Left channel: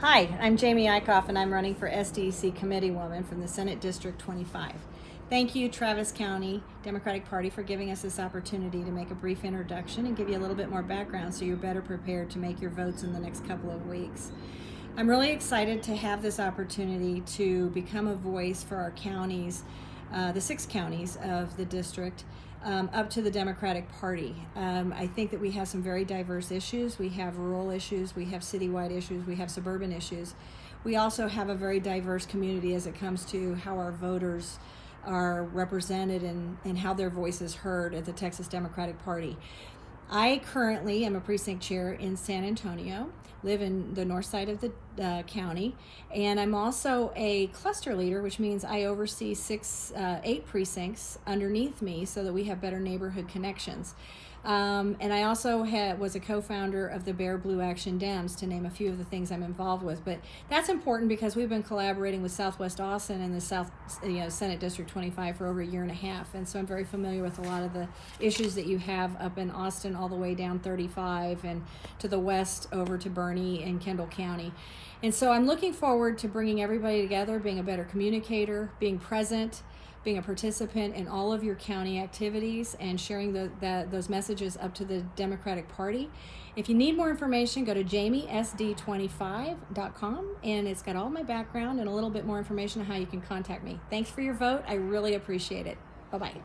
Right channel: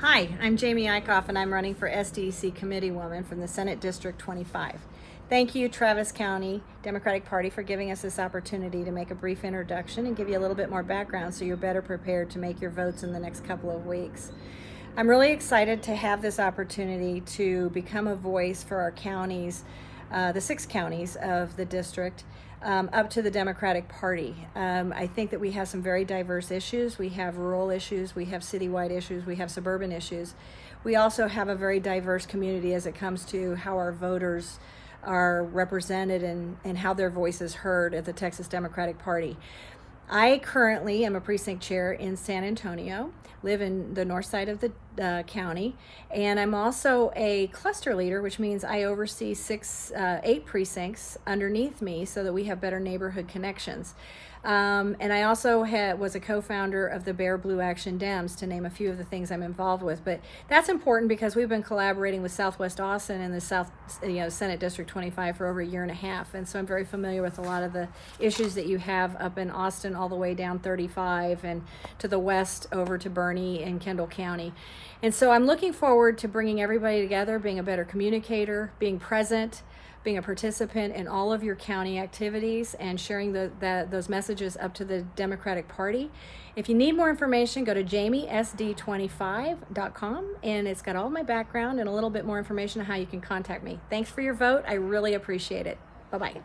Hi, I'm Jamie Eickhoff, and I'm running for SDEC Committee Woman from the Senate District 25. Thank you, Travis County Democratic Party, for giving us this opportunity to make a brief introduction and give you a little bit more background so you're better prepared to make your votes in the next couple of weeks. I'm really excited to have this opportunity to become a voice for our counties, the 6 counties of the district, up to the Democratic Party. I think that we have some very diverse issues. We have rural issues, we have citywide issues, we have suburban issues. We also have a very diverse community as it comes to how our voters are represented and how their voice is heard at the Texas Democratic Party. I currently am a precinct chair in San Antonio, live in the north side of the county, and I'm also a cluster leader, which means I oversee 8 precincts underneath me so that we have better neighborhood connections. And I also was a co-founder of the Bear Blue Action Dems, to name a few of the things I'm involved with. But that's important because we've been collaborating with Southwest Austin and the Senate District 25 for over a year and a half. And so I'm very familiar with a lot of the issues that you have up in Austin all the way down 35 and to the west over to Bernie and Kendall County. And so I'm looking forward to bringing everybody together, being a better communicator, being present, being a participant in all of your county activities, and sharing those messages up to the Democratic Party. If you need more information, go to jamiesd25.com, and it's got all my background and a little bit more information on how you can contact me. Thanks for your vote. I really appreciate it. Bye-bye.